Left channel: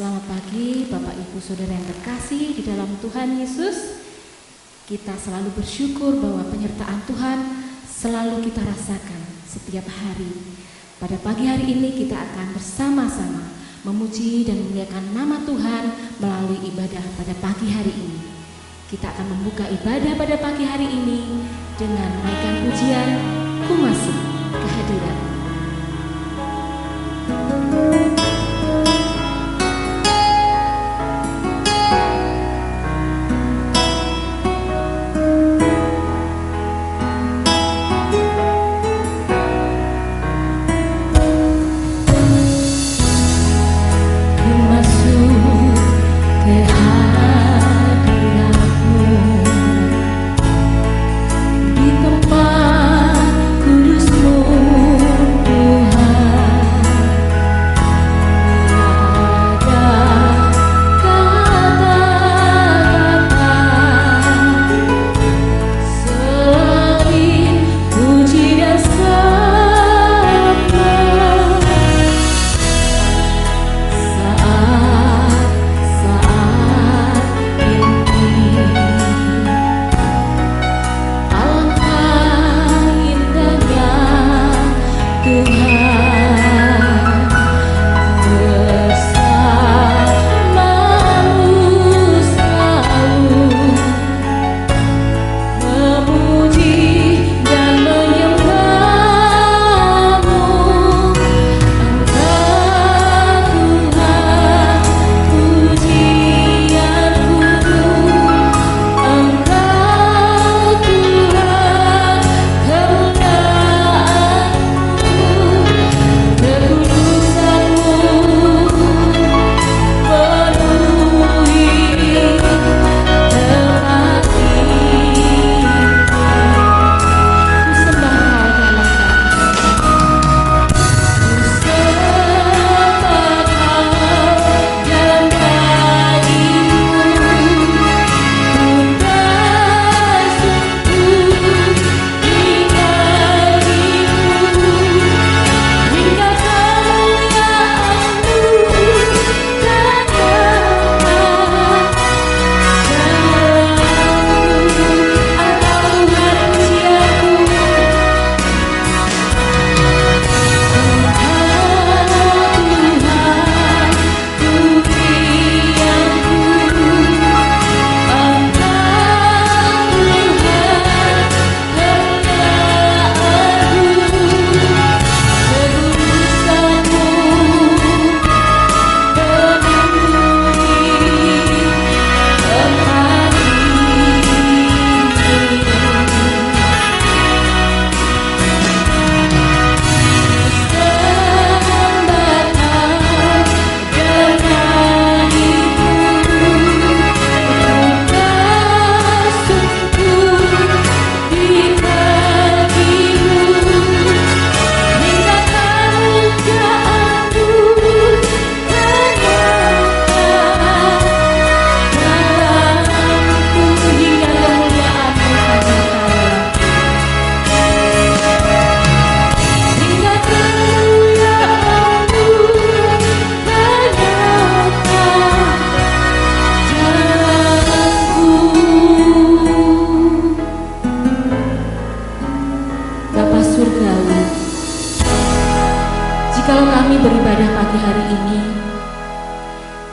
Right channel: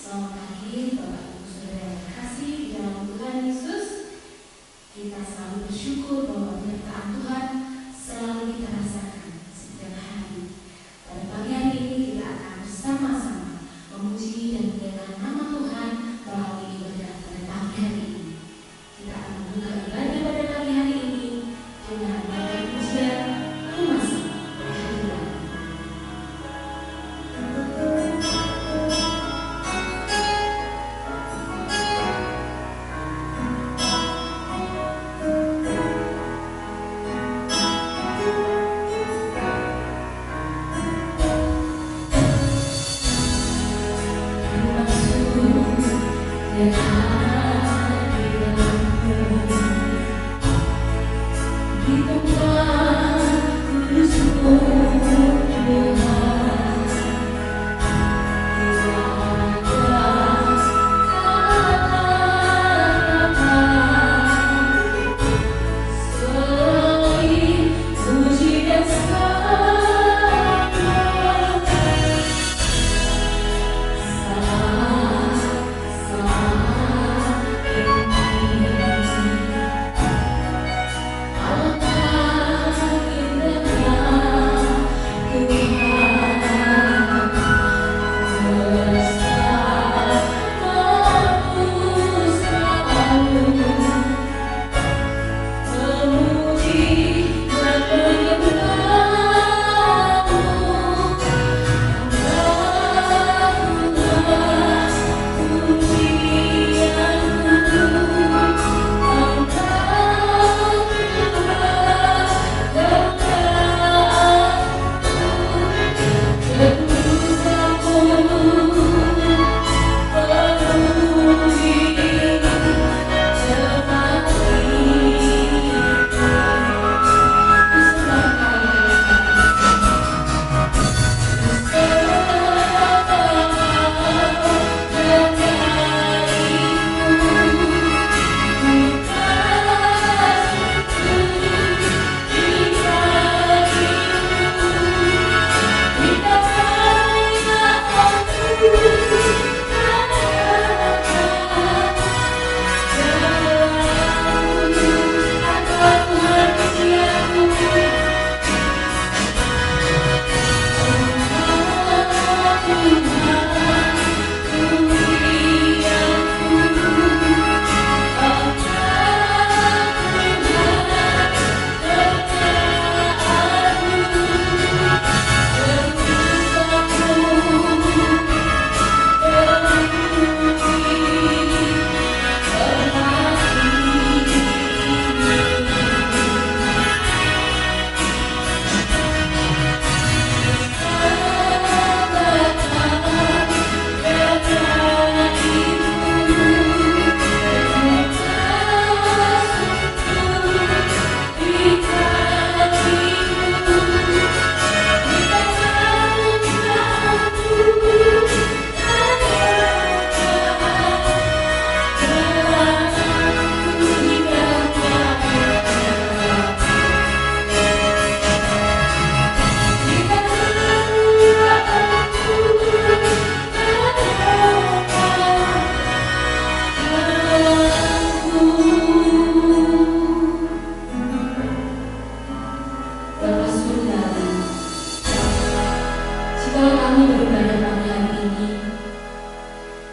Selamat pagi Bapak Ibu Saudara yang terkasih di dalam Tuhan Yesus. Kita selalu bersyukur bahwa penyertaan Tuhan selalu kita rasakan setiap hari. Pada pagi hari ini kita akan bersama-sama memuji dan memuliakan nama Tuhan melalui ibadah pada pagi hari ini. Kita akan membuka ibadah pada pagi hari ini dengan menaikkan pujian Ku Masih Kehadiran.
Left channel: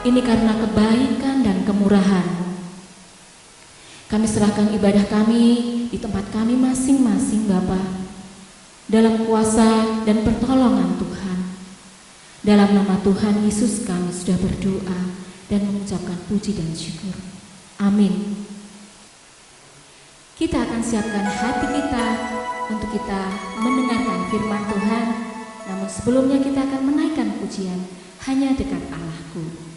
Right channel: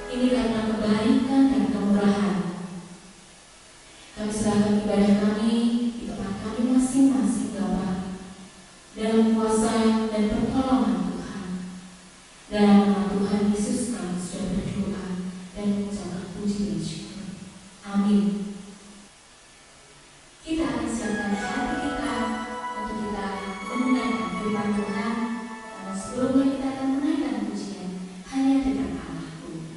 Ini karena kebaikan dan kemurahan. Kami serahkan ibadah kami di tempat kami masing-masing, Bapa, dalam kuasa dan pertolongan Tuhan. Dalam nama Tuhan Yesus kami sudah berdoa dan mengucapkan puji dan syukur. Amin. Kita akan siapkan hati kita untuk kita mendengarkan firman Tuhan. Namun sebelumnya kita akan menaikkan pujian Hanya Dekat Allahku.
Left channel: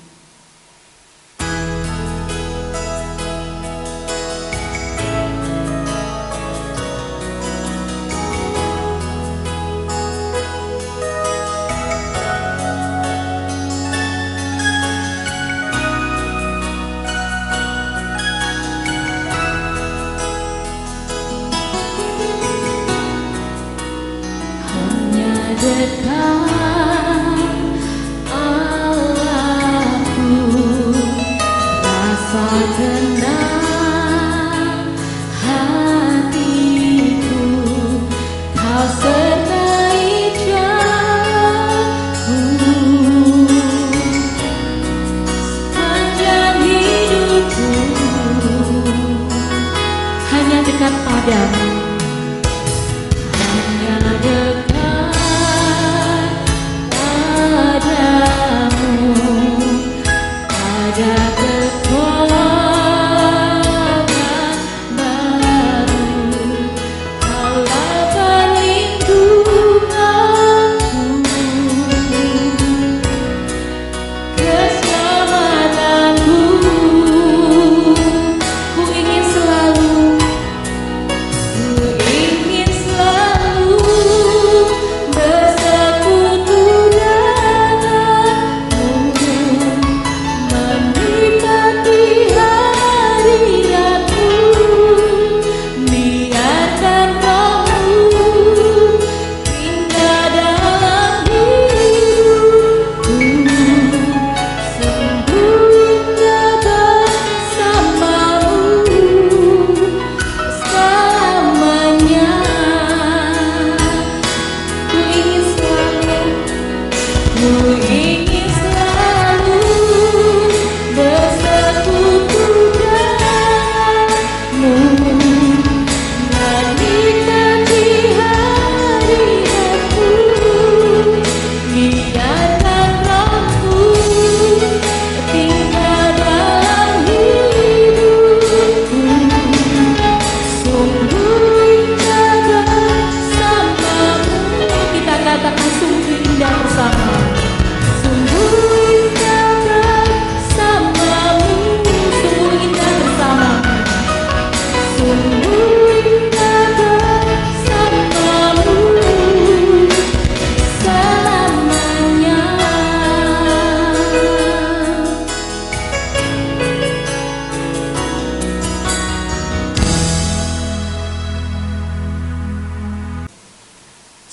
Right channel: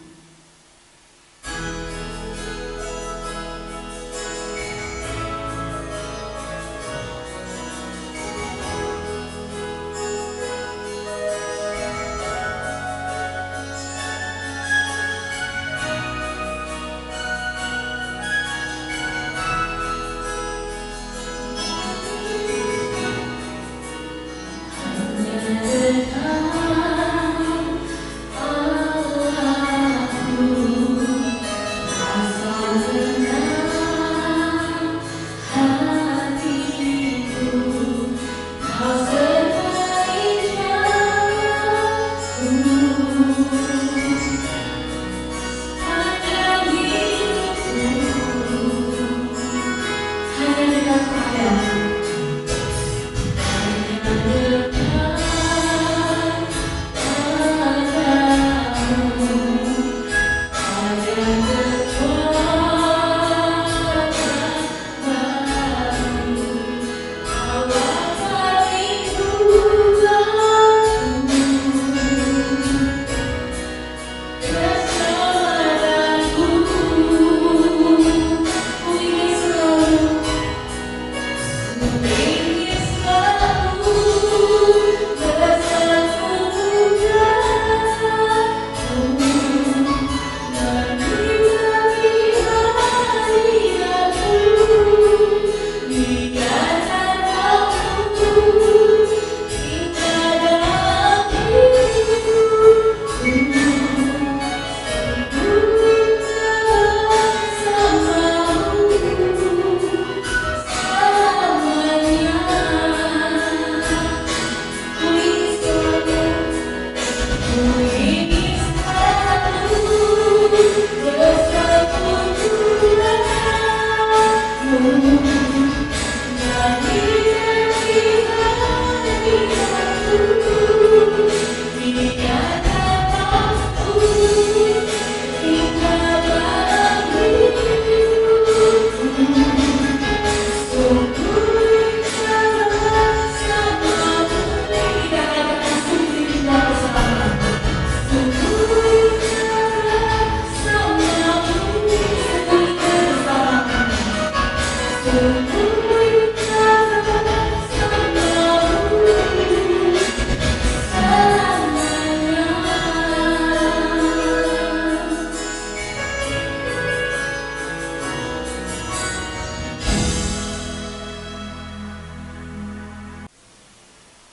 Hanya dekat Allah.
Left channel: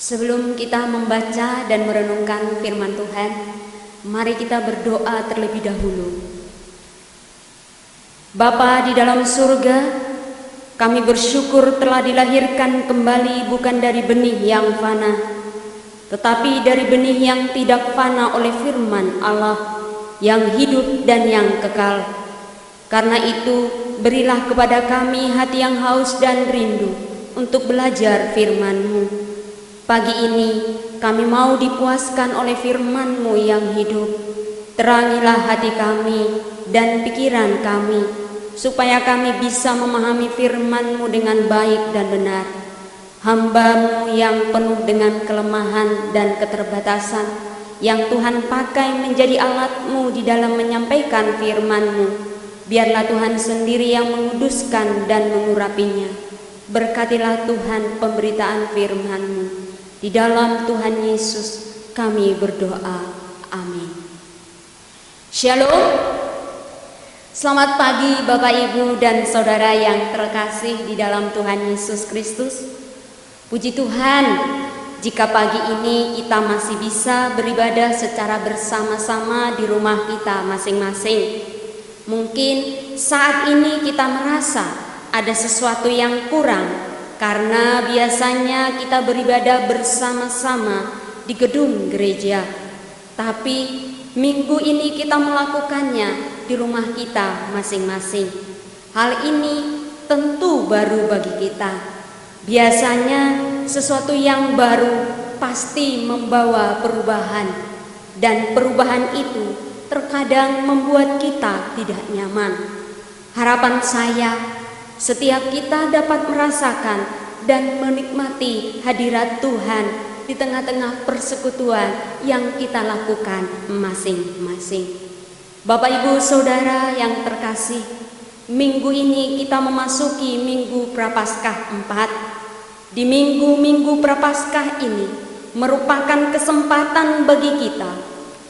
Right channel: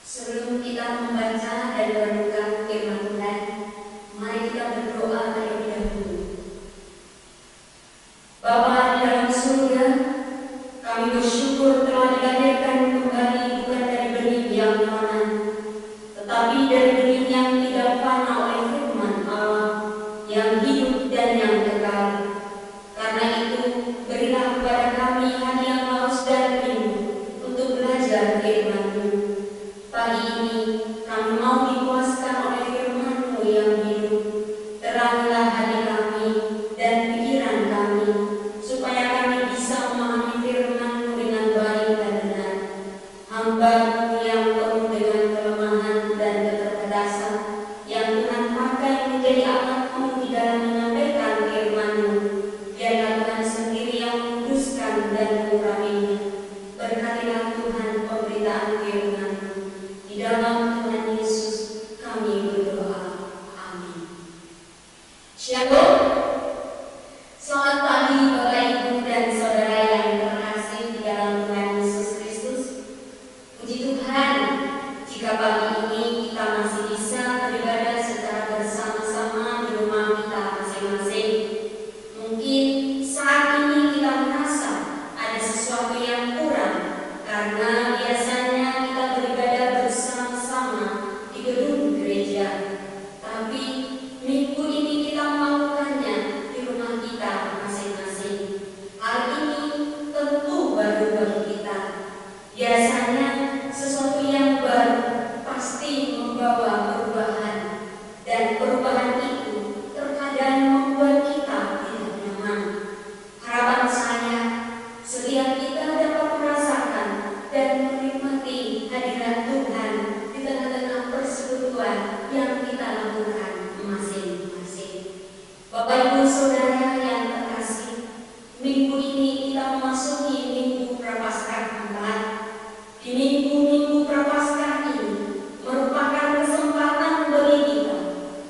Sebelum kita membaca dan merenungkan firman Tuhan, mari kita berdoa terlebih dahulu. Bapa di dalam surga, kami bersyukur telah dilahirkan kembali bukan dari benih yang fana, tetapi dari benih yang tidak fana oleh firman Allah yang hidup dan yang kekal. Karena itu, berilah kepada kami hati yang haus dan rindu untuk belajar firman-Mu. Pagi ini kami mau dipuaskan oleh firman-Mu yang hidup. Terangilah hati kami dan pikiran kami, supaya kami bisa memahami firman-Mu dengan baik dan benar. Hamba-Mu yang penuh dengan kelemahan dan keterbatasan, yang Tuhan pakai menjadi alat-Mu di dalam menyampaikan firman-Mu, biarlah Tuhan sendiri yang menguduskan dan mengurapinya. Berkatilah Tuhan pemberitaan firman-Mu. Di dalam Tuhan Yesus kami berdoa. Amin. Shalom. Selamat pagi Bapak Ibu dan Saudara yang terkasih di dalam Tuhan Yesus Kristus. Puji Tuhan, jika pagi ini kita masih bisa beribadah secara bersama-sama di rumah kita masing-masing. Mungkin saat ini kita merasa ada sesuatu yang kurang, karena biasanya kita beribadah bersama-sama di gedung gereja. Tapi minggu ini kita melakukannya di rumah kita masing-masing. Hal ini tentu baru bagi kita. Biasanya sesuatu yang baru pasti membawa perubahan, dan perubahan itu terkadang membuat kita tidak nyaman. Harapan saya, setiap kita dapat merasakan dan menikmati hadirat Tuhan di tengah-tengah persekutuan yang kita lakukan masing-masing. Bapak Ibu Saudara yang terkasih, minggu ini kita memasuki Minggu Prapaskah 4. Di minggu-minggu Prapaskah ini merupakan kesempatan bagi kita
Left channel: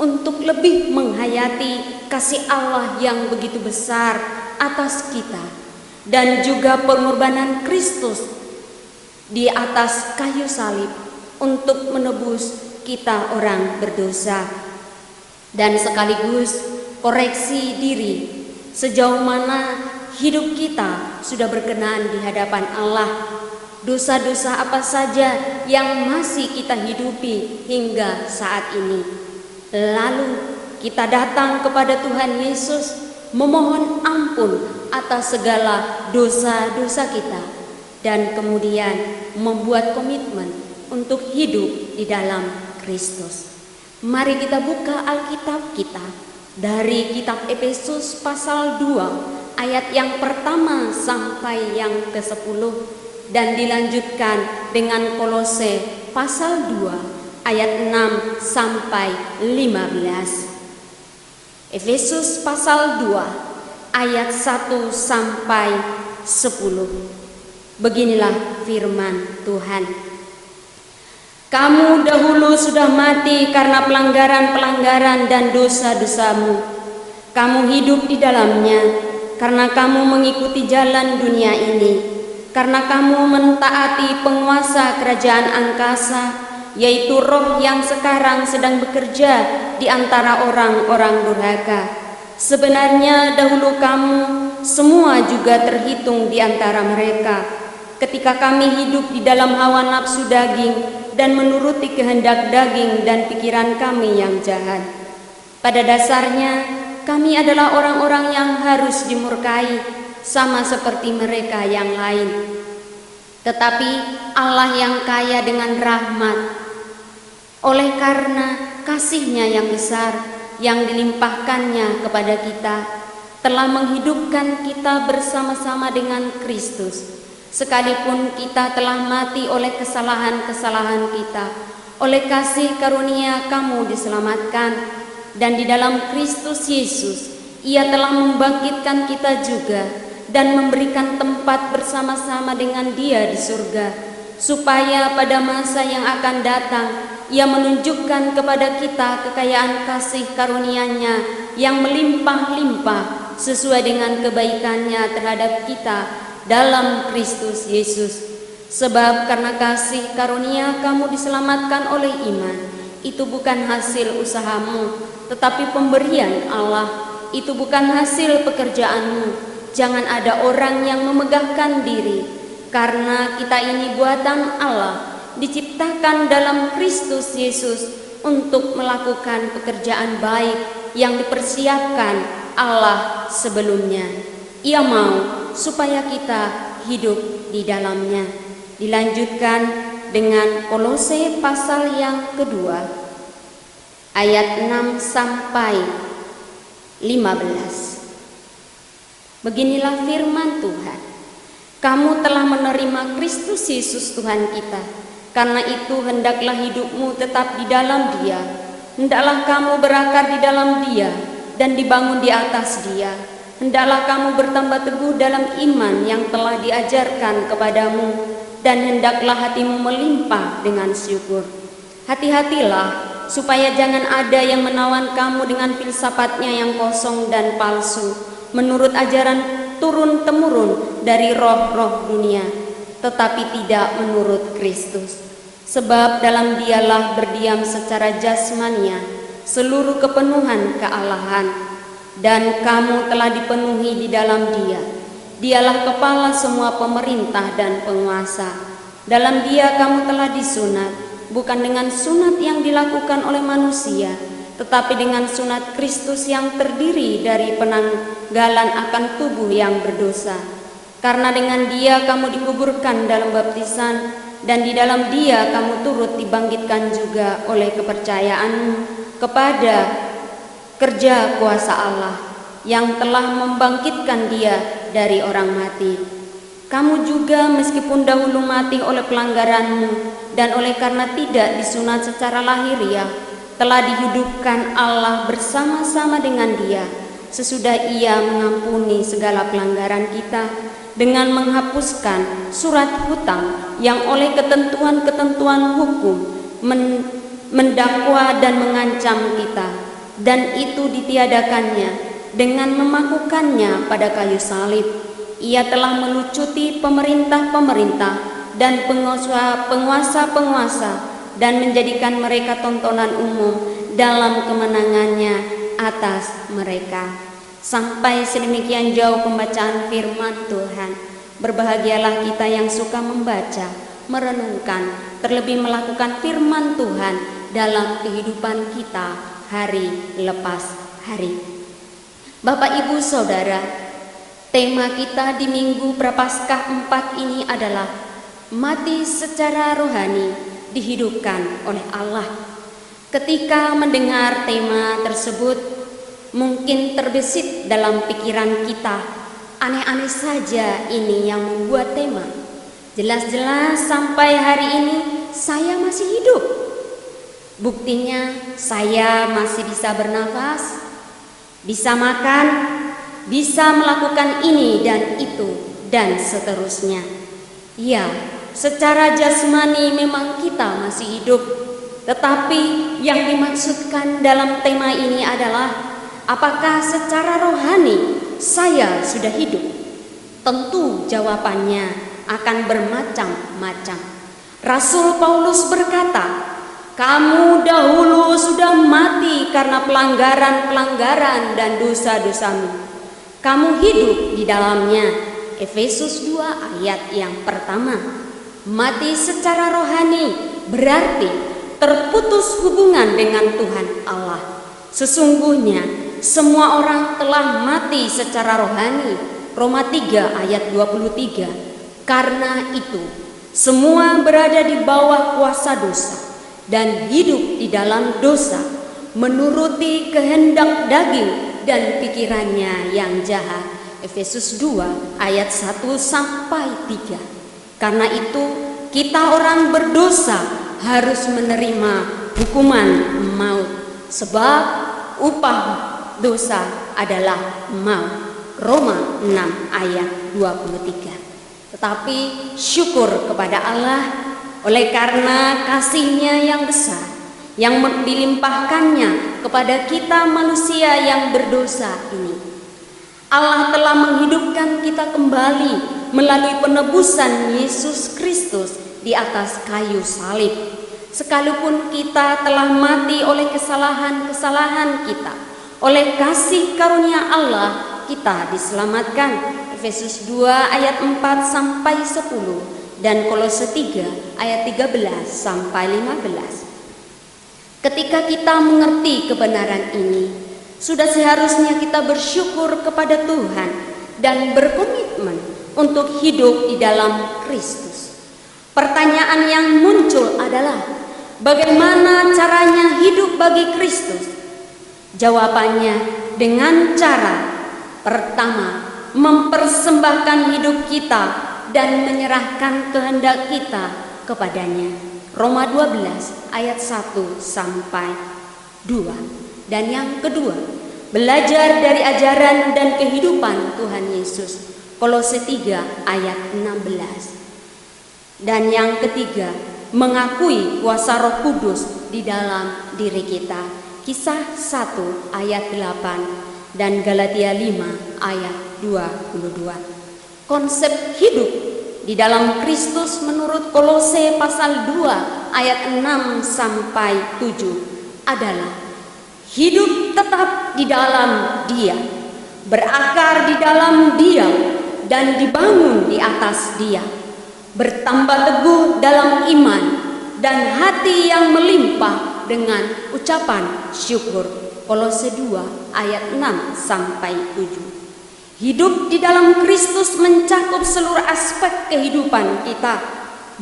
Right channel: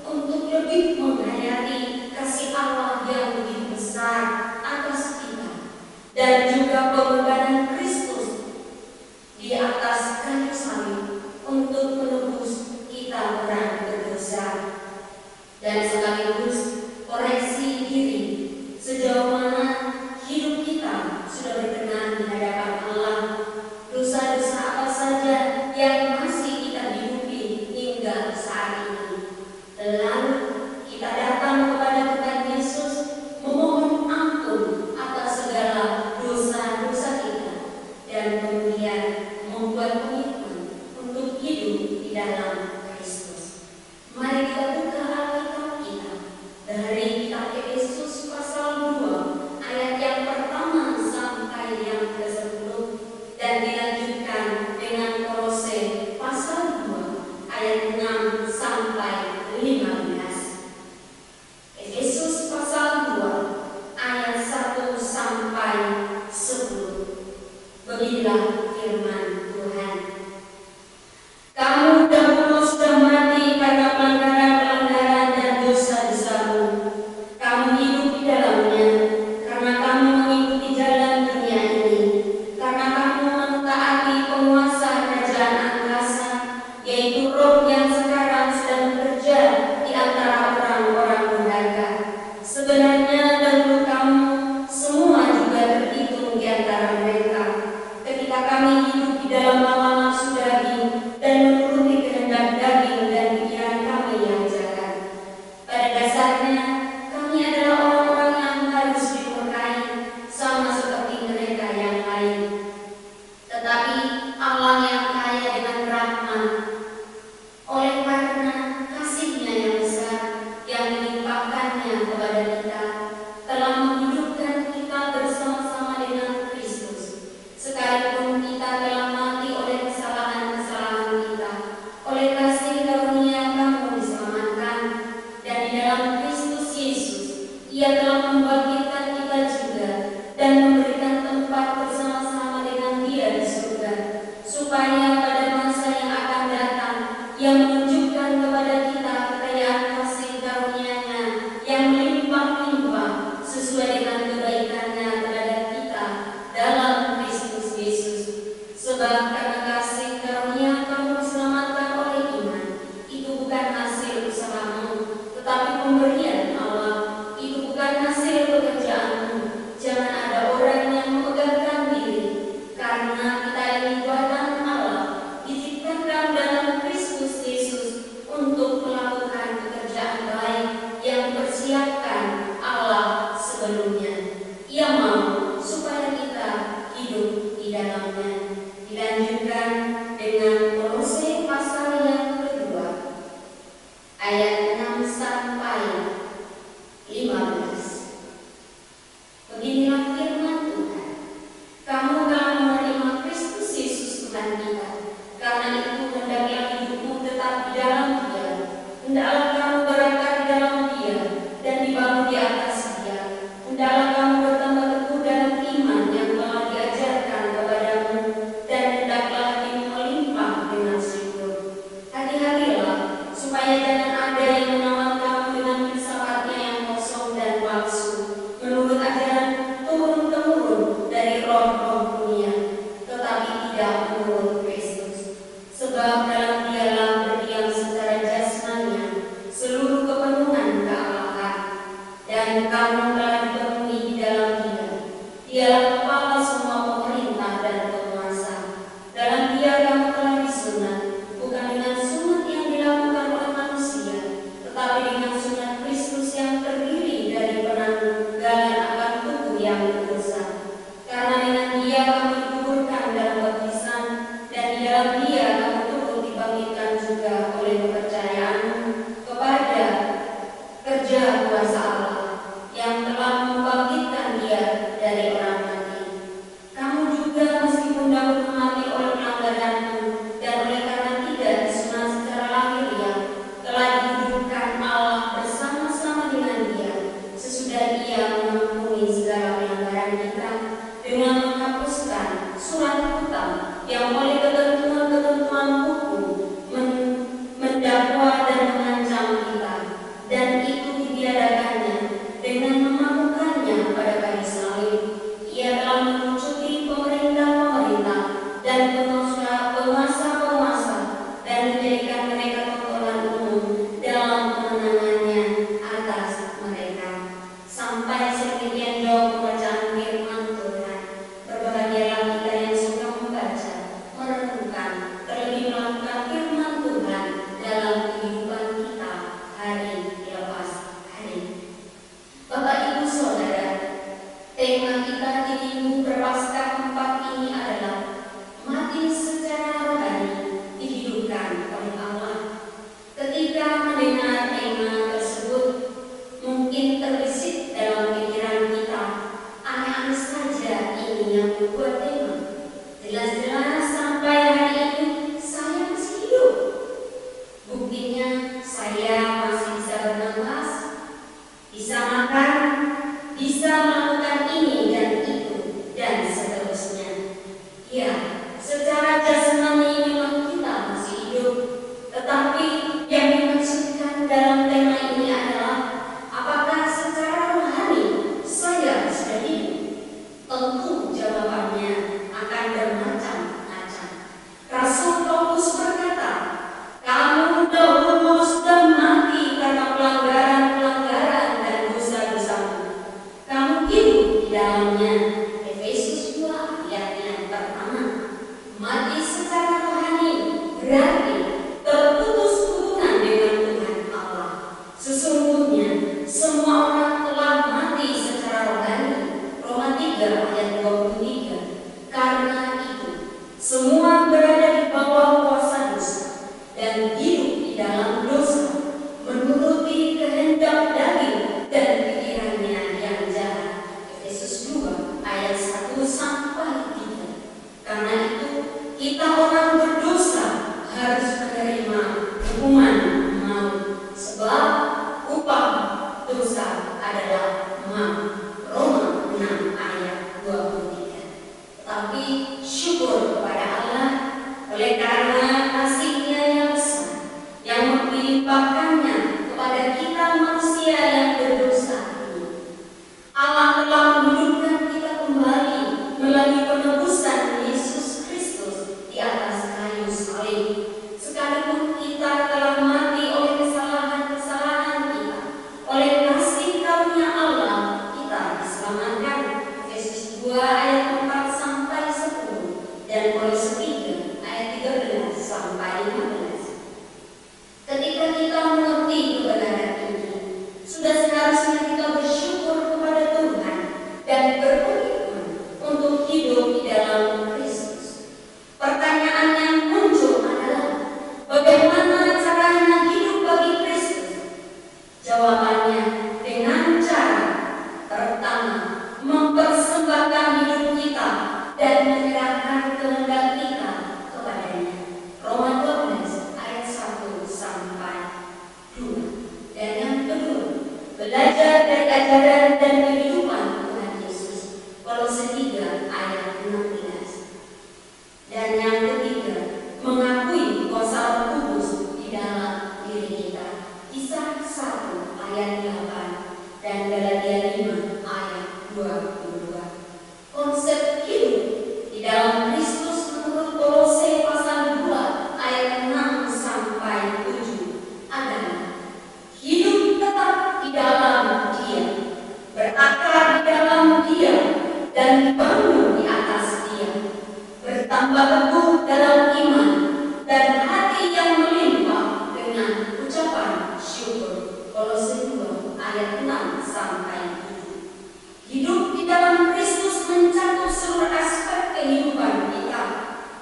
untuk lebih menghayati kasih Allah yang begitu besar atas kita, dan juga pengorbanan Kristus di atas kayu salib untuk menebus kita orang berdosa, dan sekaligus koreksi diri sejauh mana hidup kita sudah berkenan di hadapan Allah. Dosa-dosa apa saja yang masih kita hidupi hingga saat ini. Lalu kita datang kepada Tuhan Yesus memohon ampun atas segala dosa-dosa kita, dan kemudian membuat komitmen untuk hidup di dalam Kristus. Mari kita buka Alkitab kita dari kitab Efesus pasal 2 ayat yang pertama sampai yang ke-10, dan dilanjutkan dengan Kolose pasal 2 ayat 6 sampai 15. Efesus pasal 2 ayat 1 sampai 10. Beginilah firman Tuhan. Kamu dahulu sudah mati karena pelanggaran-pelanggaran dan dosa-dosamu. Kamu hidup di dalamnya karena kamu mengikuti jalan dunia ini, karena kamu mentaati penguasa kerajaan angkasa, yaitu roh yang sekarang sedang bekerja di antara orang-orang durhaka. Sebenarnya dahulu kamu semua juga terhitung di antara mereka, ketika kami hidup di dalam hawa nafsu daging dan menuruti kehendak daging dan pikiran kami yang jahat. Pada dasarnya kami adalah orang-orang yang harus dimurkai, sama seperti mereka yang lain. Tetapi Allah yang kaya dengan rahmat, oleh karena kasih-Nya yang besar yang dilimpahkannya kepada kita, telah menghidupkan kita bersama-sama dengan Kristus. Sekalipun kita telah mati oleh kesalahan-kesalahan kita, oleh kasih karunia kamu diselamatkan, dan di dalam Kristus Yesus Ia telah membangkitkan kita juga dan memberikan tempat bersama-sama dengan Dia di surga, supaya pada masa yang akan datang Ia menunjukkan kepada kita kekayaan kasih karunia-Nya yang melimpah-limpah sesuai dengan kebaikan-Nya terhadap kita dalam Kristus Yesus. Sebab karena kasih karunia kamu diselamatkan oleh iman. Itu bukan hasil usahamu, tetapi pemberian Allah. Itu bukan hasil pekerjaanmu. Jangan ada orang yang memegahkan diri, karena kita ini buatan Allah, diciptakan dalam Kristus Yesus untuk melakukan pekerjaan baik yang dipersiapkan Allah sebelumnya. Ia mau supaya kita hidup di dalamnya. Dilanjutkan dengan Kolose pasal yang kedua, ayat 6 sampai 15. Beginilah firman Tuhan. Kamu telah menerima Kristus Yesus Tuhan kita. Karena itu hendaklah hidupmu tetap di dalam Dia. Hendaklah kamu berakar di dalam Dia dan dibangun di atas Dia. Hendaklah kamu bertambah teguh dalam iman yang telah diajarkan kepadamu, dan hendaklah hatimu melimpah dengan syukur. Hati-hatilah supaya jangan ada yang menawan kamu dengan filsafatnya yang kosong dan palsu, menurut ajaran turun-temurun dari roh-roh dunia, tetapi tidak menurut Kristus. Sebab dalam Dialah berdiam secara jasmania seluruh kepenuhan kealahan, dan kamu telah dipenuhi di dalam Dia. Dialah kepala semua pemerintah dan penguasa. Dalam Dia kamu telah disunat, bukan dengan sunat yang dilakukan oleh manusia, tetapi dengan sunat Kristus yang terdiri dari penanggalan akan tubuh yang berdosa. Karena dengan Dia kamu dikuburkan dalam baptisan, dan di dalam Dia kamu turut dibangkitkan juga oleh kepercayaan kepada kerja kuasa Allah yang telah membangkitkan Dia dari orang mati. Kamu juga meskipun dahulu mati oleh pelanggaranmu dan oleh karena tidak disunat secara lahiriah, telah dihidupkan Allah bersama-sama dengan Dia sesudah Ia mengampuni segala pelanggaran kita dengan menghapuskan surat hutang yang oleh ketentuan-ketentuan hukum mendakwa dan mengancam kita, dan itu ditiadakannya dengan memakukannya pada kayu salib. Ia telah melucuti pemerintah-pemerintah dan penguasa-penguasa dan menjadikan mereka tontonan umum dalam kemenangannya atas mereka. Sampai sedemikian jauh pembacaan firman Tuhan. Berbahagialah kita yang suka membaca, merenungkan, terlebih melakukan firman Tuhan dalam kehidupan kita hari lepas hari. Bapak, Ibu, Saudara, tema kita di Minggu Prapaskah 4 ini adalah mati secara rohani dihidupkan oleh Allah. Ketika mendengar tema tersebut, mungkin terbesit dalam pikiran kita, aneh-aneh saja ini yang membuat tema. Jelas-jelas sampai hari ini saya masih hidup. Buktinya saya masih bisa bernafas, bisa makan, bisa melakukan ini dan itu, dan seterusnya. Ya, secara jasmani memang kita masih hidup, tetapi yang dimaksudkan dalam tema ini adalah apakah secara rohani saya sudah hidup? Tentu jawabannya akan bermacam-macam. Rasul Paulus berkata, kamu dahulu sudah mati karena pelanggaran-pelanggaran dan dosa-dosamu. Kamu hidup di dalamnya. Efesus 2 ayat yang pertama. Mati secara rohani berarti terputus hubungan dengan Tuhan Allah. Sesungguhnya semua orang telah mati secara rohani. Roma 3 ayat 23. Karena itu semua berada di bawah kuasa dosa dan hidup di dalam dosa, menuruti kehendak daging dan pikirannya yang jahat. Efesus 2 ayat 1 sampai 3. Karena itu kita orang berdosa harus menerima hukuman maut, sebab upah dosa adalah maut. Roma 6 ayat 23. Tetapi syukur kepada Allah oleh karena kasih-Nya yang besar, yang dilimpahkannya kepada kita manusia yang berdosa ini. Allah telah menghidupkan kita kembali melalui penebusan Yesus Kristus di atas kayu salib. Sekalipun kita telah mati oleh kesalahan-kesalahan kita, oleh kasih karunia Allah kita diselamatkan. Efesus 2 ayat 4 sampai 10 dan Kolose 3 ayat 13 sampai 15. Ketika kita mengerti kebenaran ini, sudah seharusnya kita bersyukur kepada Tuhan dan berkomitmen untuk hidup di dalam Kristus. Pertanyaan yang muncul adalah, bagaimana caranya hidup bagi Kristus? Jawabannya dengan cara pertama, mempersembahkan hidup kita dan menyerahkan kehendak kita kepadanya. Roma 12 ayat 1 sampai 2. Dan yang kedua, belajar dari ajaran dan kehidupan Tuhan Yesus. Kolose 3 ayat 16. Dan yang ketiga, mengakui kuasa Roh Kudus di dalam diri kita. Kisah 1 ayat 8 dan Galatia 5 ayat 22. Konsep hidup di dalam Kristus menurut Kolose pasal 2 ayat 6 sampai 7 adalah hidup tetap di dalam Dia, berakar di dalam Dia, dan dibangun di atas Dia, bertambah teguh dalam iman dan hati yang melimpah dengan ucapan syukur. Kolose 2 ayat 6 sampai 7. Hidup di dalam Kristus mencakup seluruh aspek kehidupan kita,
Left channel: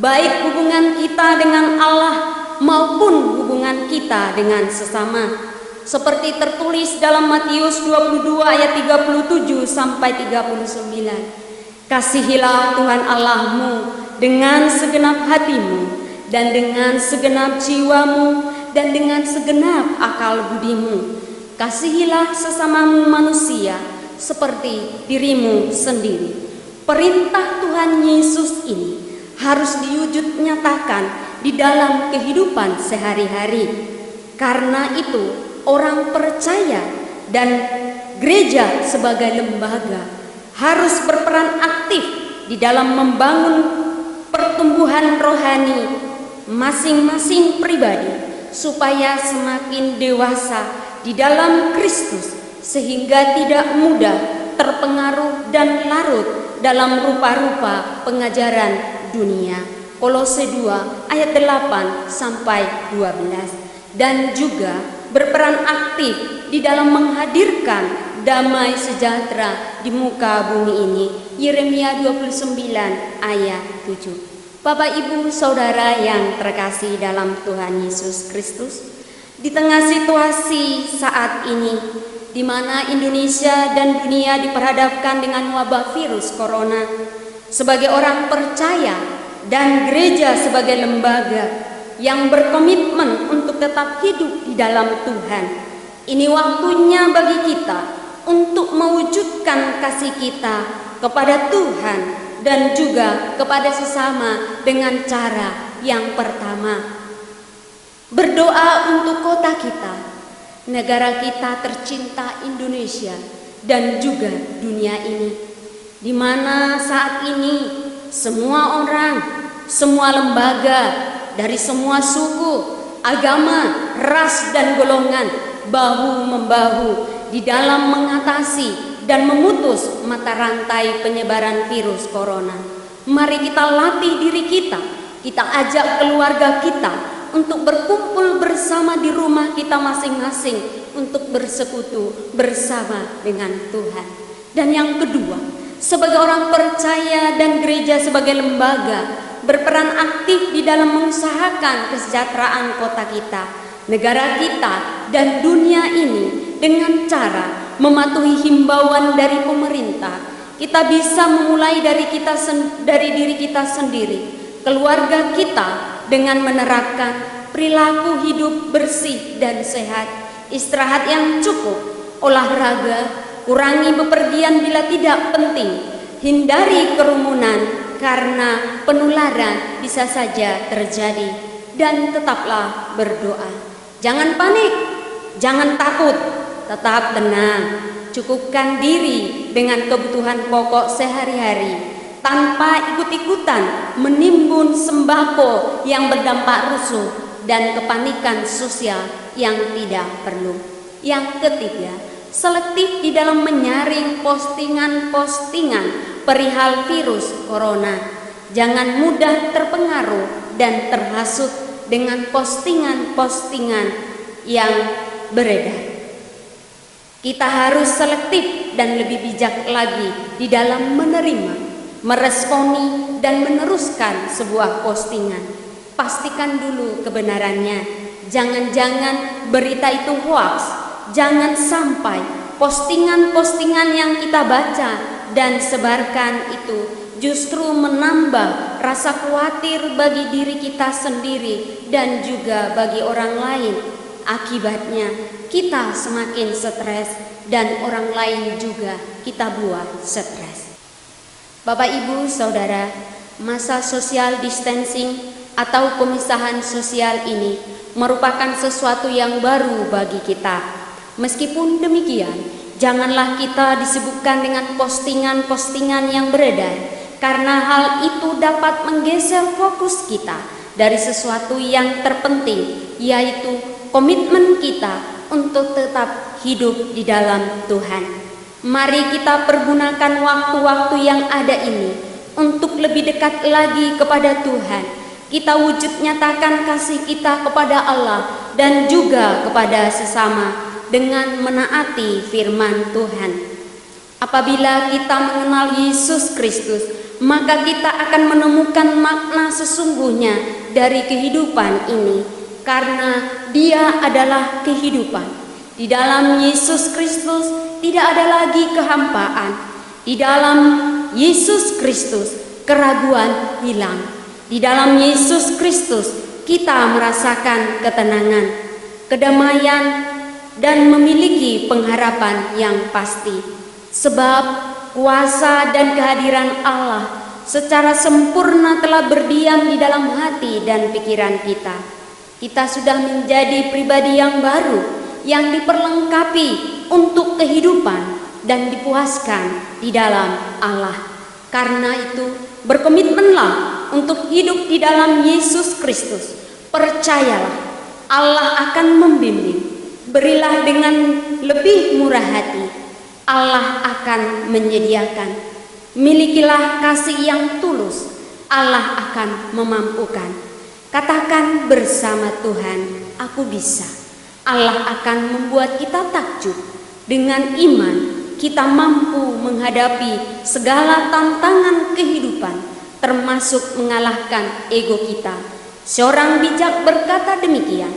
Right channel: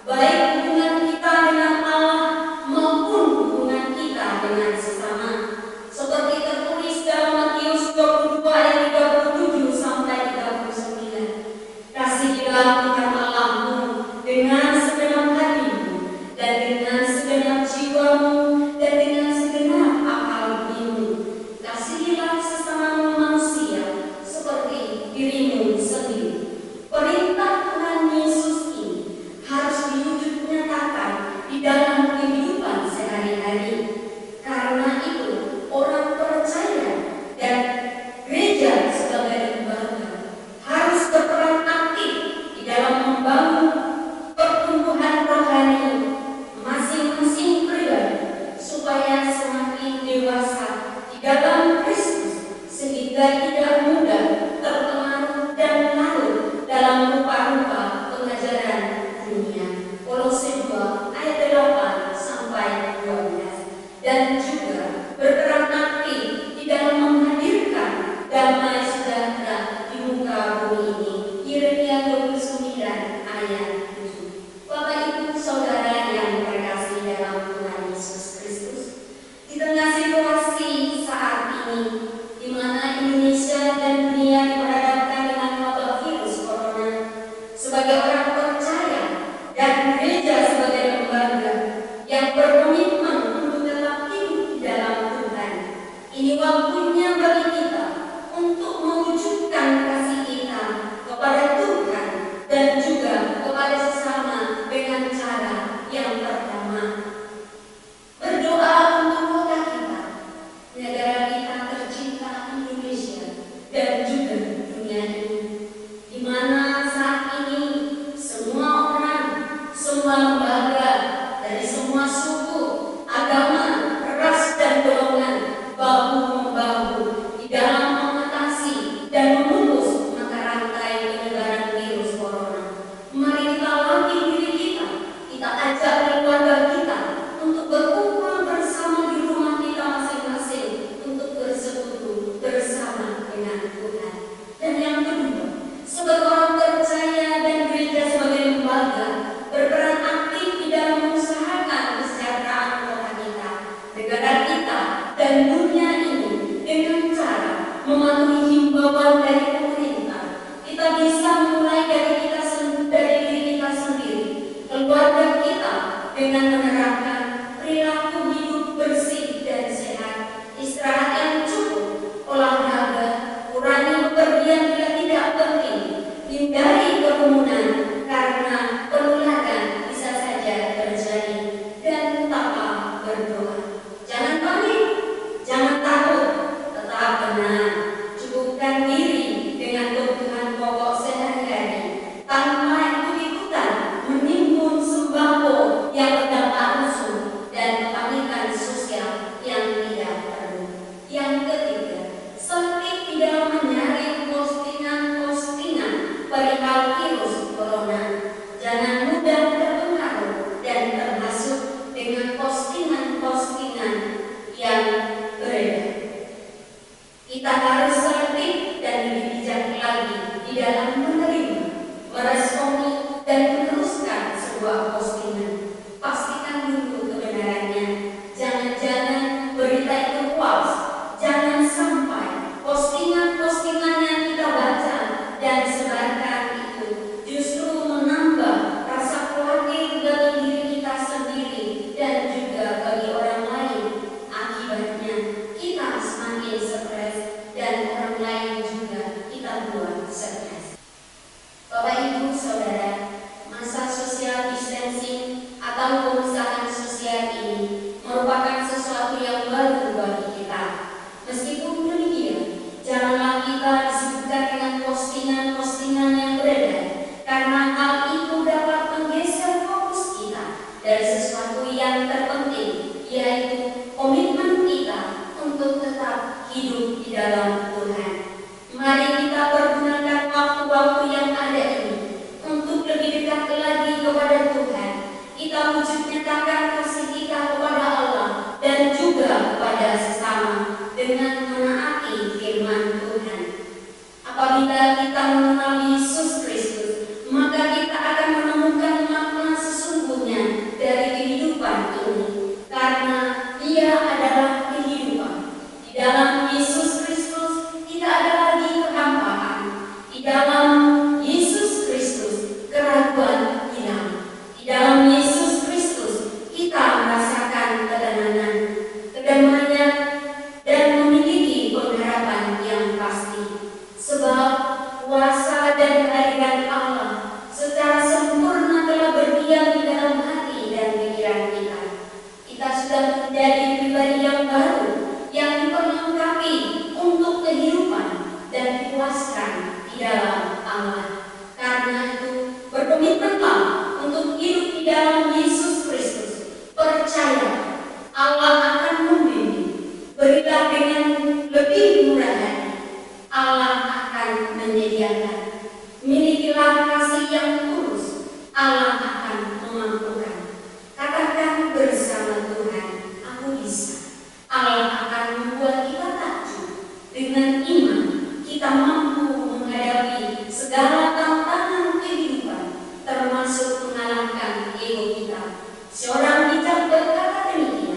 baik hubungan kita dengan Allah maupun hubungan kita dengan sesama. Seperti tertulis dalam Matius 22 ayat 37 sampai 39. Kasihilah Tuhan Allahmu dengan segenap hatimu dan dengan segenap jiwamu dan dengan segenap akal budimu. Kasihilah sesamamu manusia seperti dirimu sendiri. Perintah Tuhan Yesus ini harus diwujud nyatakan di dalam kehidupan sehari-hari. Karena itu, orang percaya dan gereja sebagai lembaga harus berperan aktif di dalam membangun pertumbuhan rohani masing-masing pribadi supaya semakin dewasa di dalam Kristus, sehingga tidak mudah terpengaruh dan larut dalam rupa-rupa pengajaran dunia. Kolose 2 ayat 8 sampai 12. Dan juga berperan aktif di dalam menghadirkan damai sejahtera di muka bumi ini. Yeremia 29 ayat 7. Bapak Ibu Saudara yang terkasih dalam Tuhan Yesus Kristus, di tengah situasi saat ini di mana Indonesia dan dunia diperhadapkan dengan wabah virus corona, sebagai orang percaya dan gereja sebagai lembaga yang berkomitmen untuk tetap hidup di dalam Tuhan, ini waktunya bagi kita untuk mewujudkan kasih kita kepada Tuhan dan juga kepada sesama dengan cara yang pertama, berdoa untuk kota kita, negara kita tercinta Indonesia, dan juga dunia ini, di mana saat ini semua orang, semua lembaga, dari semua suku, agama, ras, dan golongan bahu-membahu di dalam mengatasi dan memutus mata rantai penyebaran virus corona. Mari kita latih diri kita ajak keluarga kita untuk berkumpul bersama di rumah kita masing-masing untuk bersekutu bersama dengan Tuhan. Dan yang kedua, sebagai orang percaya dan gereja sebagai lembaga, berperan aktif di dalam mengusahakan kesejahteraan kota kita, negara kita, dan dunia ini dengan cara mematuhi himbauan dari pemerintah. Kita bisa memulai dari diri kita sendiri, keluarga kita, dengan menerapkan perilaku hidup bersih dan sehat, istirahat yang cukup, olahraga, kurangi bepergian bila tidak penting, hindari kerumunan karena penularan bisa saja terjadi, dan tetaplah berdoa. Jangan panik, jangan takut, tetap tenang, cukupkan diri dengan kebutuhan pokok sehari-hari, tanpa ikut-ikutan menimbun sembako yang berdampak rusuh dan kepanikan sosial yang tidak perlu. Yang ketiga, selektif di dalam menyaring postingan-postingan perihal virus corona. Jangan mudah terpengaruh dan terhasut dengan postingan-postingan yang beredar. Kita harus selektif dan lebih bijak lagi di dalam menerima, meresponi, dan meneruskan sebuah postingan. Pastikan dulu kebenarannya. Jangan-jangan berita itu hoax. Jangan sampai postingan-postingan yang kita baca dan sebarkan itu justru menambah rasa khawatir bagi diri kita sendiri dan juga bagi orang lain. Akibatnya kita semakin stres dan orang lain juga kita buat stres. Bapak, Ibu, Saudara, masa social distancing atau pemisahan sosial ini merupakan sesuatu yang baru bagi kita. Meskipun demikian, janganlah kita disibukkan dengan postingan-postingan yang beredar, karena hal itu dapat menggeser fokus kita dari sesuatu yang terpenting, yaitu komitmen kita untuk tetap hidup di dalam Tuhan. Mari kita pergunakan waktu-waktu yang ada ini untuk lebih dekat lagi kepada Tuhan. Kita wujud nyatakan kasih kita kepada Allah dan juga kepada sesama dengan menaati firman Tuhan. Apabila kita mengenal Yesus Kristus, maka kita akan menemukan makna sesungguhnya dari kehidupan ini, karena Dia adalah kehidupan. Di dalam Yesus Kristus tidak ada lagi kehampaan. Di dalam Yesus Kristus keraguan hilang. Di dalam Yesus Kristus kita merasakan ketenangan, kedamaian, dan memiliki pengharapan yang pasti. Sebab kuasa dan kehadiran Allah secara sempurna telah berdiam di dalam hati dan pikiran kita. Kita sudah menjadi pribadi yang baru, yang diperlengkapi untuk kehidupan dan dipuaskan di dalam Allah. Karena itu, berkomitmenlah untuk hidup di dalam Yesus Kristus. Percayalah, Allah akan membimbing. Berilah dengan lebih murah hati, Allah akan menyediakan. Milikilah kasih yang tulus, Allah akan memampukan. Katakan bersama Tuhan, aku bisa. Allah akan membuat kita takjub. Dengan iman, kita mampu menghadapi segala tantangan kehidupan, termasuk mengalahkan ego kita. Seorang bijak berkata demikian,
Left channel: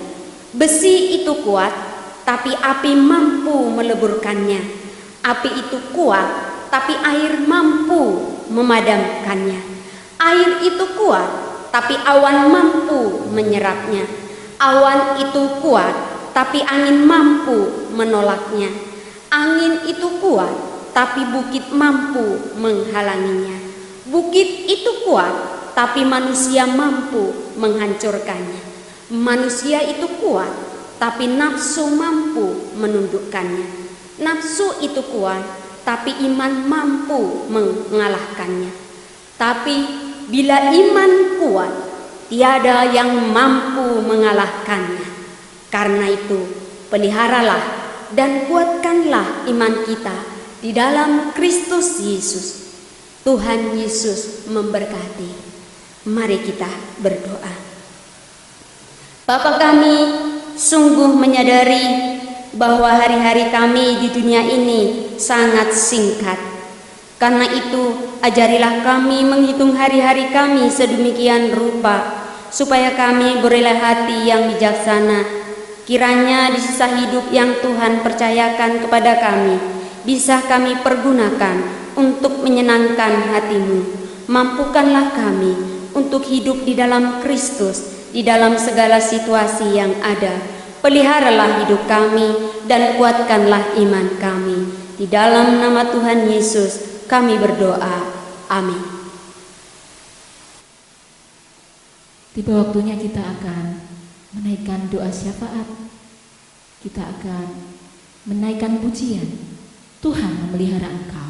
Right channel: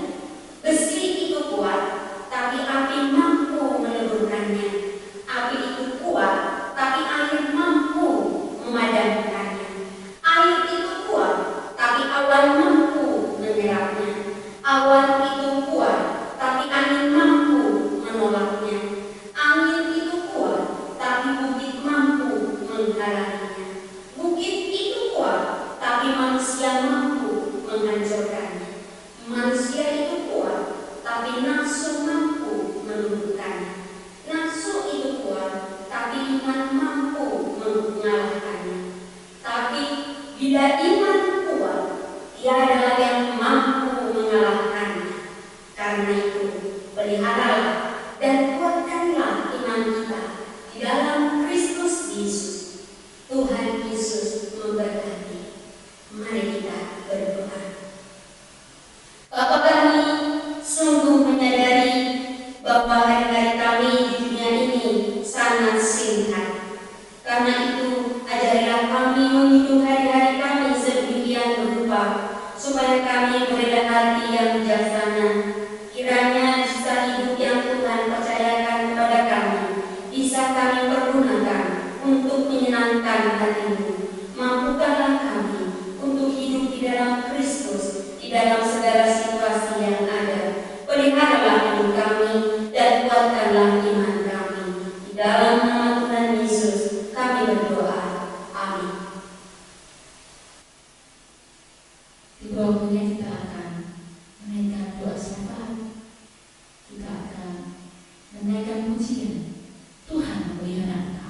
besi itu kuat, tapi api mampu meleburkannya. Api itu kuat, tapi air mampu memadamkannya. Air itu kuat, tapi awan mampu menyerapnya. Awan itu kuat, tapi angin mampu menolaknya. Angin itu kuat, tapi bukit mampu menghalanginya. Bukit itu kuat, tapi manusia mampu menghancurkannya. Manusia itu kuat, tapi nafsu mampu menundukkannya. Nafsu itu kuat, tapi iman mampu mengalahkannya. Tapi bila iman kuat, tiada yang mampu mengalahkannya. Karena itu, peliharalah dan kuatkanlah iman kita di dalam Kristus Yesus. Tuhan Yesus memberkati. Mari kita berdoa. Bapa kami, sungguh menyadari bahwa hari-hari kami di dunia ini sangat singkat. Karena itu, ajarilah kami menghitung hari-hari kami sedemikian rupa, supaya kami berelah hati yang bijaksana. Kiranya di sisa hidup yang Tuhan percayakan kepada kami, bisa kami pergunakan untuk menyenangkan hati-Mu. Mampukanlah kami untuk hidup di dalam Kristus, di dalam segala situasi yang ada. Peliharalah hidup kami dan kuatkanlah iman kami. Di dalam nama Tuhan Yesus kami berdoa. Amin. Tiba waktunya kita akan menaikkan doa syafaat. Kita akan menaikkan pujian. Tuhan memelihara engkau.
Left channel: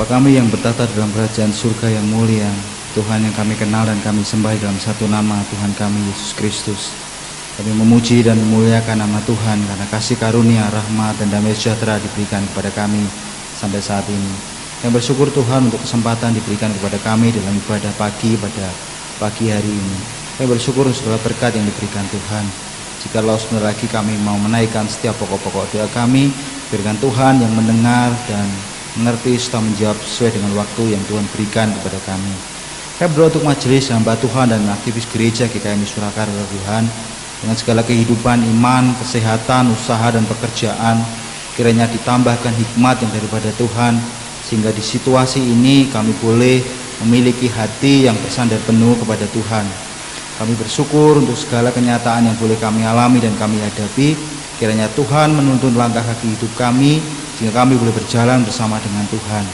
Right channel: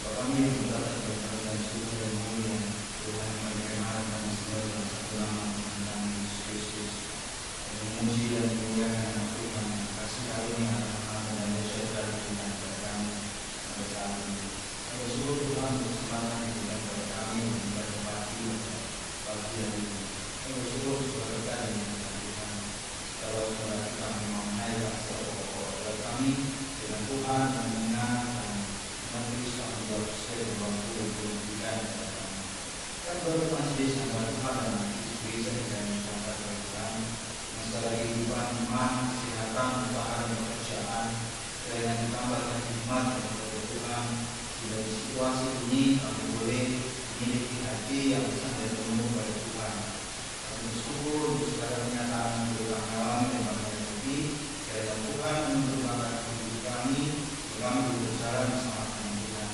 Bapa kami yang bertata dalam kerajaan surga yang mulia, Tuhan yang kami kenal dan kami sembah dalam satu nama, Tuhan kami Yesus Kristus. Kami memuji dan memuliakan nama Tuhan karena kasih karunia, rahmat, dan damai sejahtera diberikan kepada kami sampai saat ini. Yang bersyukur Tuhan untuk kesempatan diberikan kepada kami dalam ibadah pagi pada pagi hari ini. Yang bersyukur untuk segala berkat yang diberikan Tuhan. Jikalau sebentar lagi kami mau menaikkan setiap pokok-pokok doa kami, berikan Tuhan yang mendengar dan mengerti serta menjawab sesuai dengan waktu yang Tuhan berikan kepada kami. Kami berdoa untuk majelis hamba Tuhan dan aktivis gereja GKMI Surakarta Tuhan, dengan segala kehidupan iman, kesehatan, usaha dan pekerjaan, kiranya ditambahkan hikmat yang daripada Tuhan, sehingga di situasi ini kami boleh memiliki hati yang bersandar penuh kepada Tuhan. Kami bersyukur untuk segala kenyataan yang boleh kami alami dan kami hadapi. Kiranya Tuhan menuntun langkah kaki hidup kami, sehingga kami boleh berjalan bersama dengan Tuhan.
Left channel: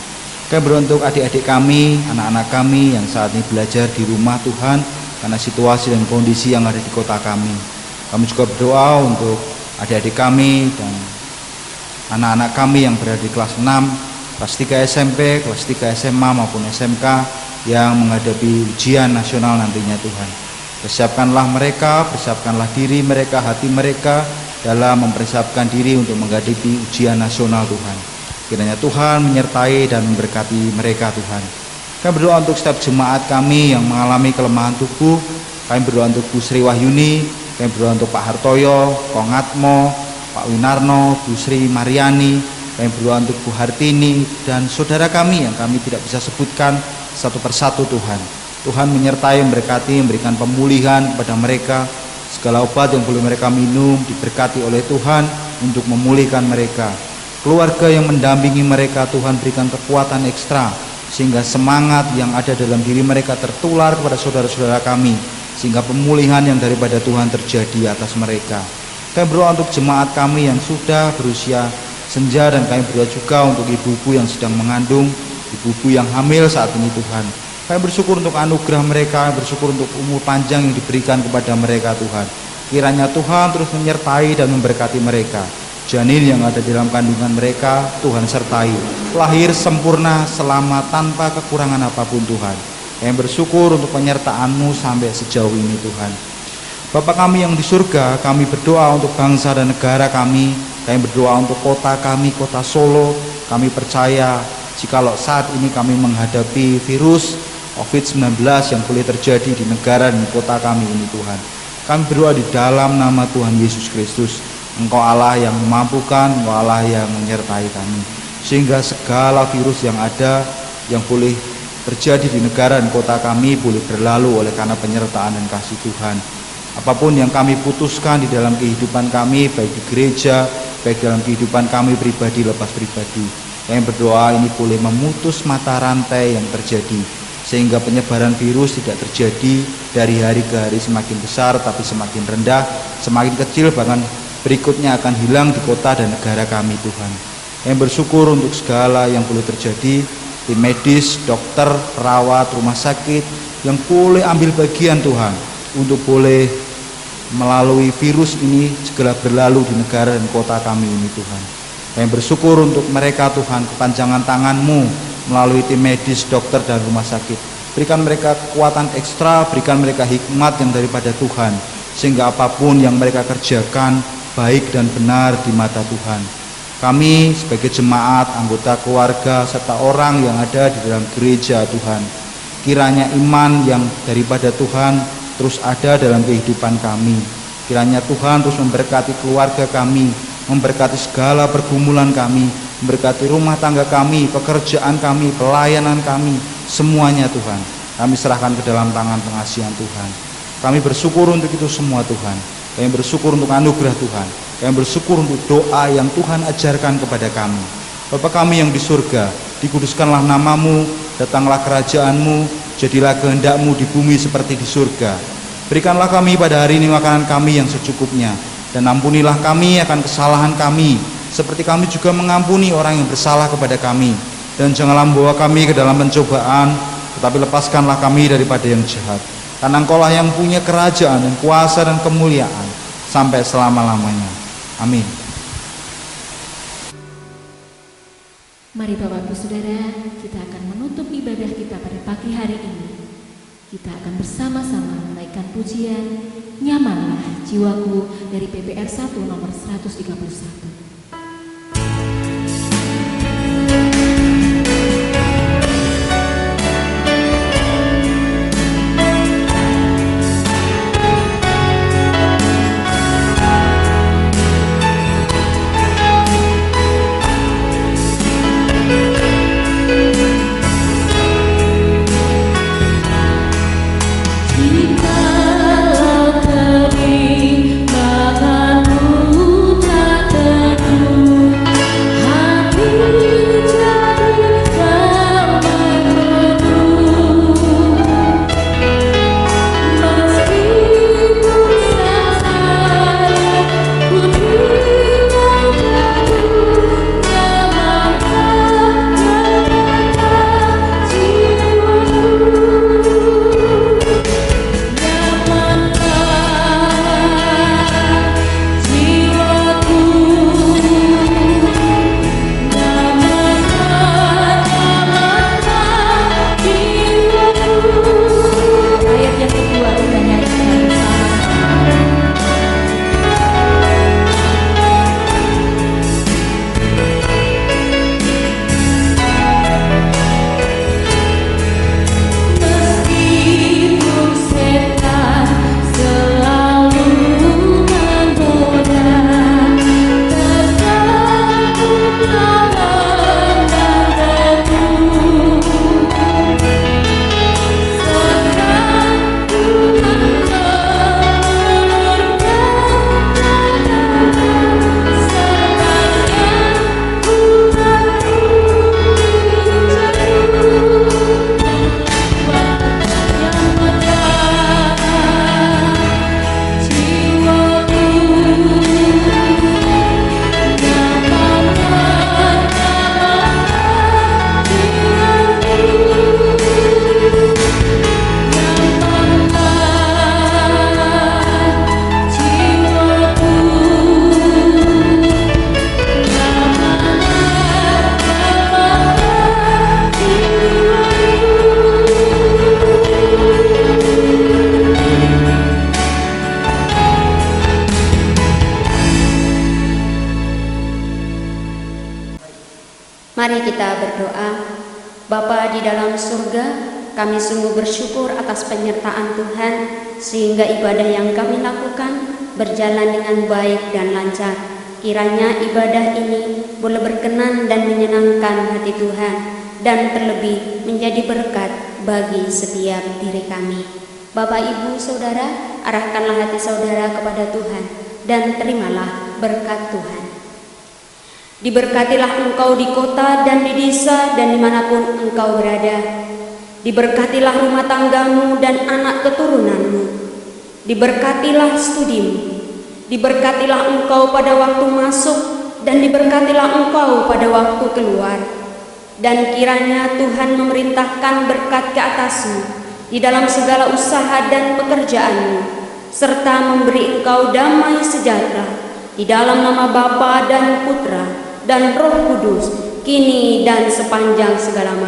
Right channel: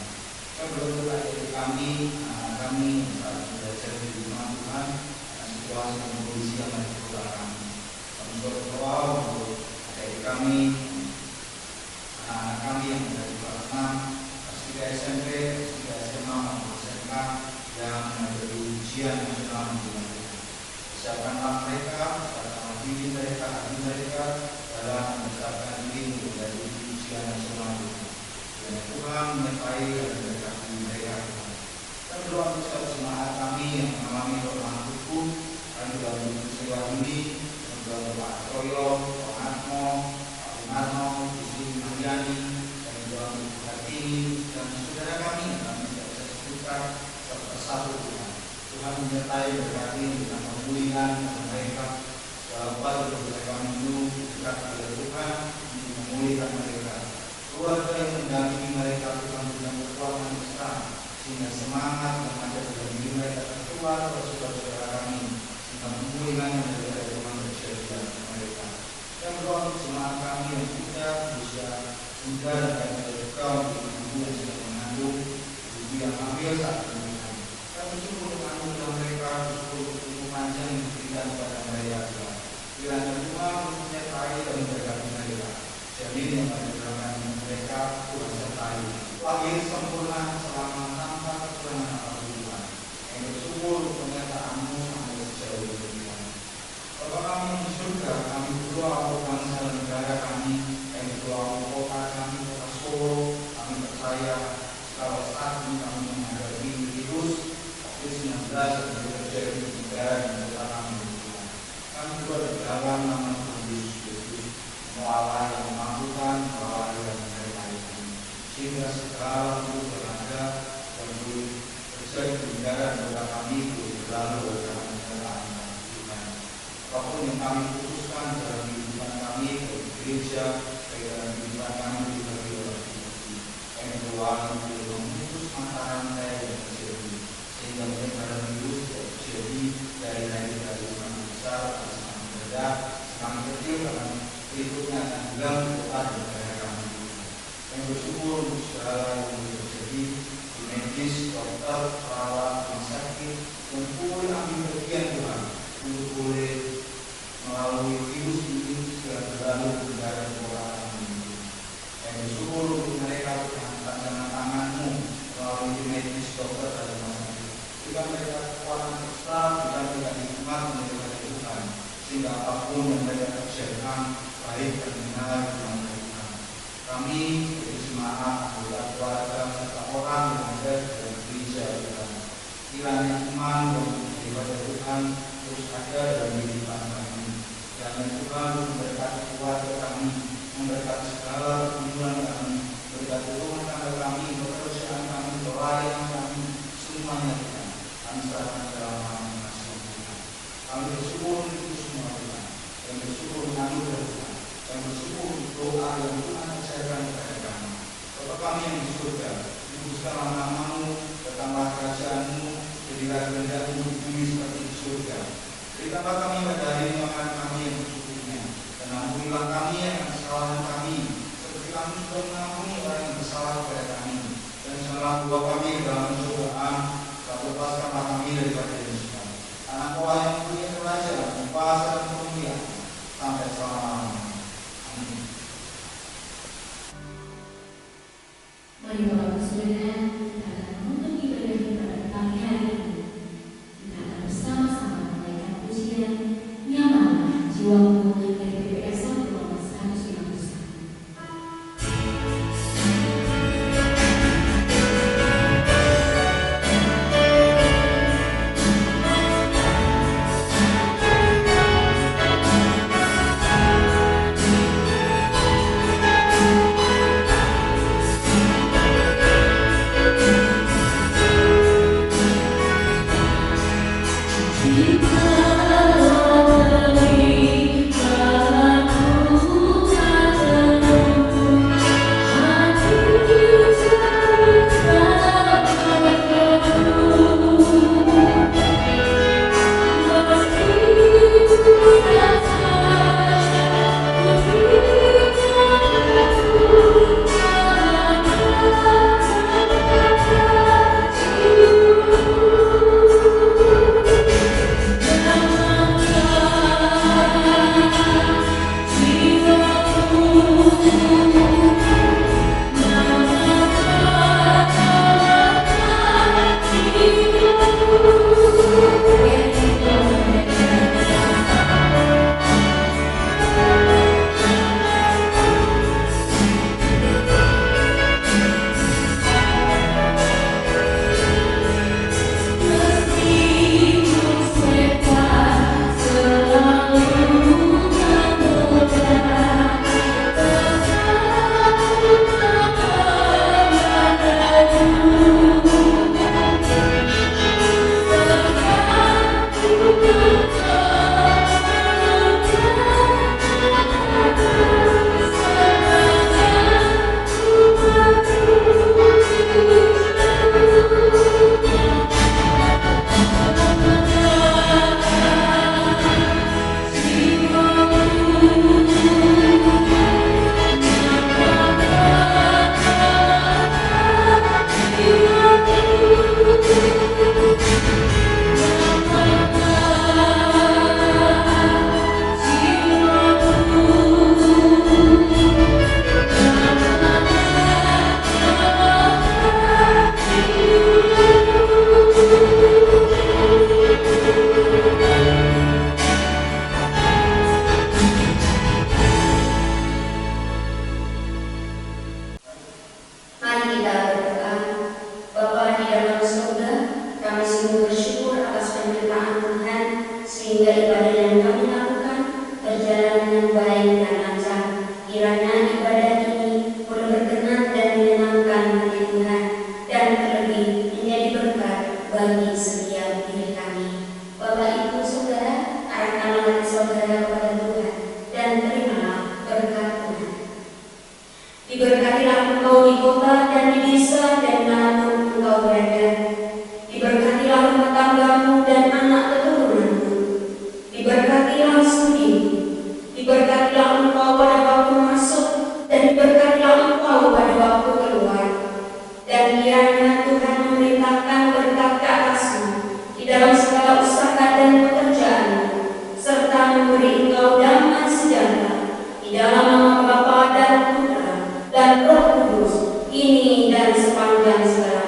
Kami berdoa untuk adik-adik kami, anak-anak kami yang saat ini belajar di rumah Tuhan, karena situasi dan kondisi yang ada di kota kami. Kami juga berdoa untuk adik-adik kami dan anak-anak kami yang berada di kelas 6, kelas 3 SMP, kelas 3 SMA maupun SMK yang menghadapi ujian nasional nantinya Tuhan. Persiapkanlah mereka, persiapkanlah diri mereka, hati mereka dalam mempersiapkan diri untuk menghadapi ujian nasional Tuhan. Kiranya Tuhan menyertai dan memberkati mereka Tuhan. Kami berdoa untuk setiap jemaat kami yang mengalami kelemahan tubuh. Kami berdoa untuk Bu Sri Wahyuni, kami berdoa untuk Pak Hartoyo, Kong Atmo, Pak Winarno, Bu Sri Mariani, kami berdoa untuk Bu Hartini dan saudara kami yang kami tidak bisa sebutkan satu persatu Tuhan. Tuhan menyertai, memberkati, memberikan pemulihan kepada mereka. Segala obat yang boleh mereka minum diberkati oleh Tuhan untuk memulihkan mereka. Keluarga yang mendampingi mereka, Tuhan berikan kekuatan ekstra sehingga semangat yang ada dalam diri mereka tertular kepada saudara-saudara kami, sehingga pemulihan yang daripada Tuhan terjadi atas mereka. Kami berdoa untuk jemaat kami yang sudah berusia senja, dan kami berdoa juga untuk ibu-ibu yang sedang mengandung, ibu-ibu yang hamil saat ini Tuhan. Kami bersyukur untuk anugerah mereka, bersyukur untuk umur panjang yang diberikan kepada mereka Tuhan. Kiranya Tuhan terus menyertai dan memberkati mereka. Janin yang ada di dalam kandungan mereka, Tuhan sertai. Lahir sempurna, selamat, tanpa kekurangan apapun Tuhan. Kami bersyukur untuk penyertaan-Mu sampai sejauh ini Tuhan. Bapa kami yang di surga, kami berdoa untuk bangsa dan negara kami. Kami berdoa untuk kota kami, kota Solo. Kami percaya jikalau saat ini kami menghadapi virus COVID-19 yang boleh terjadi di negara dan kota kami ini Tuhan. Kami berdoa di dalam nama Tuhan Yesus Kristus. Engkau Allah yang memampukan, Engkau Allah yang menyertai kami. Sehingga segala virus yang ada, yang boleh terjadi di negara dan kota kami boleh berlalu oleh karena penyertaan dan kasih Tuhan. Apapun yang kami putuskan di dalam kehidupan kami, baik di gereja, baik dalam kehidupan kami pribadi lepas pribadi, kami berdoa ini boleh memutus mata rantai yang terjadi, sehingga penyebaran virus tidak terjadi dari hari ke hari semakin besar tapi semakin rendah, semakin kecil, bahkan berikutnya akan hilang di kota dan negara kami Tuhan. Kami bersyukur untuk segala yang boleh terjadi, tim medis, dokter, perawat, rumah sakit yang boleh ambil bagian Tuhan untuk boleh melalui virus ini segera berlalu di negara dan kota kami ini Tuhan. Kami bersyukur untuk mereka Tuhan, kepanjangan tangan-Mu melalui tim medis, dokter dan rumah sakit. Berikan mereka kekuatan ekstra, berikan mereka hikmat yang daripada Tuhan, sehingga apapun yang mereka kerjakan baik dan benar di mata Tuhan. Kami sebagai jemaat, anggota keluarga, serta orang yang ada di dalam gereja Tuhan, kiranya iman yang daripada Tuhan terus ada dalam kehidupan kami. Kiranya Tuhan terus memberkati keluarga kami, memberkati segala pergumulan kami, memberkati rumah tangga kami, pekerjaan kami, pelayanan kami, semuanya Tuhan. Kami serahkan ke dalam tangan pengasihan Tuhan. Kami bersyukur untuk itu semua Tuhan. Kami bersyukur untuk anugerah Tuhan. Kami bersyukur untuk doa yang Tuhan ajarkan kepada kami. Bapa kami yang di surga, dikuduskanlah nama-Mu, datanglah kerajaan-Mu, jadilah kehendak-Mu di bumi seperti di surga. Berikanlah kami pada hari ini makanan kami yang secukupnya, dan ampunilah kami akan kesalahan kami, seperti kami juga mengampuni orang yang bersalah kepada kami. Dan janganlah membawa kami ke dalam pencobaan, tetapi lepaskanlah kami daripada yang jahat. Karena Engkau-lah yang punya kerajaan dan kuasa dan kemuliaan sampai selama-lamanya. Amin. Mari Bapak Ibu Saudara, kita akan menutup ibadah kita pada pagi hari ini. Kita akan bersama-sama menaikkan pujian Nyamanlah Jiwaku dari PPR 1 nomor 131. Mari kita berdoa. Bapa di dalam surga, kami sungguh bersyukur atas penyertaan Tuhan sehingga ibadah yang kami lakukan berjalan dengan baik dan lancar. Kiranya ibadah ini boleh berkenan dan menyenangkan hati Tuhan dan terlebih menjadi berkat bagi setiap diri kami. Bapak, Ibu, Saudara, arahkanlah hati saudara kepada Tuhan dan terimalah berkat Tuhan. Diberkatilah engkau di kota dan di desa dan dimanapun engkau berada. Diberkatilah rumah tanggamu dan anak keturunanmu. Diberkatilah studimu. Diberkatilah engkau pada waktu masuk dan diberkatilah engkau pada waktu keluar. Dan kiranya Tuhan memerintahkan berkat ke atasmu di dalam segala usaha dan pekerjaanmu, serta memberi engkau damai sejahtera di dalam nama Bapa dan Putra dan Roh Kudus, kini dan sepanjang segala